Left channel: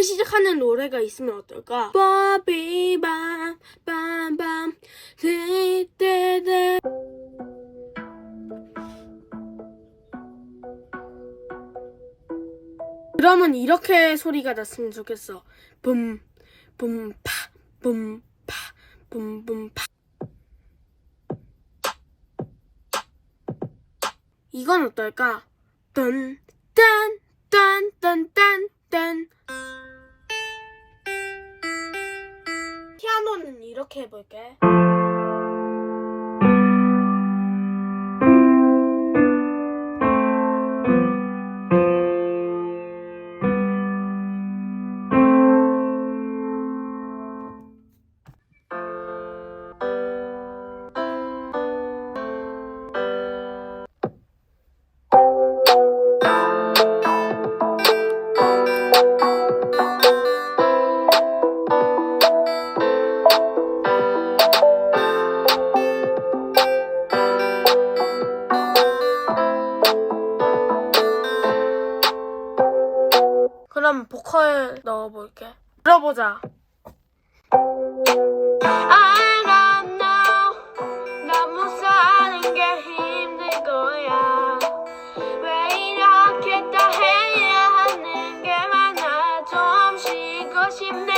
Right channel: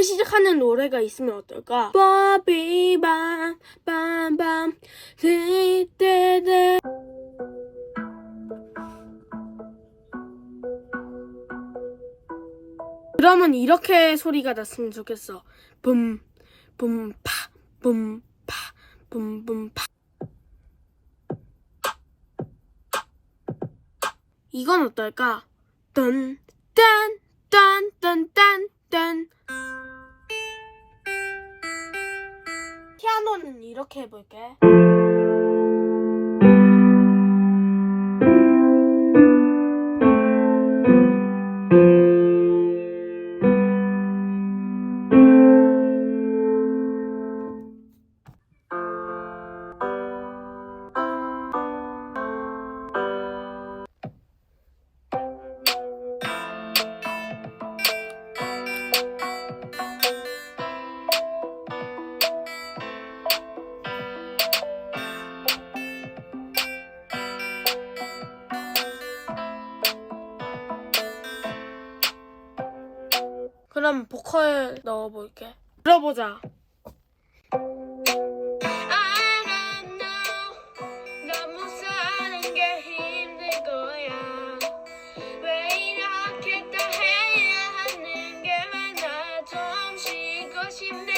이렇게 시작하는 노래가 있으면 어떨까? 빠비밤 밤밤 그때들 그러면 이렇게 소리가 났으면 좋겠어. 붐, 붐, 파, 붐, 파, 붐, 붐, 파. 이건 어떨까? 딴, 딴, 딴, 딴, 딴, 딴. 피아노는 이렇게 해볼게. 그럼 보컬 넣어볼게. 들어보자. 알아 나 못 사는 게 힘든 거야 왜 이렇게 다 해야 하는 게 많아 좀 쉬고 싶네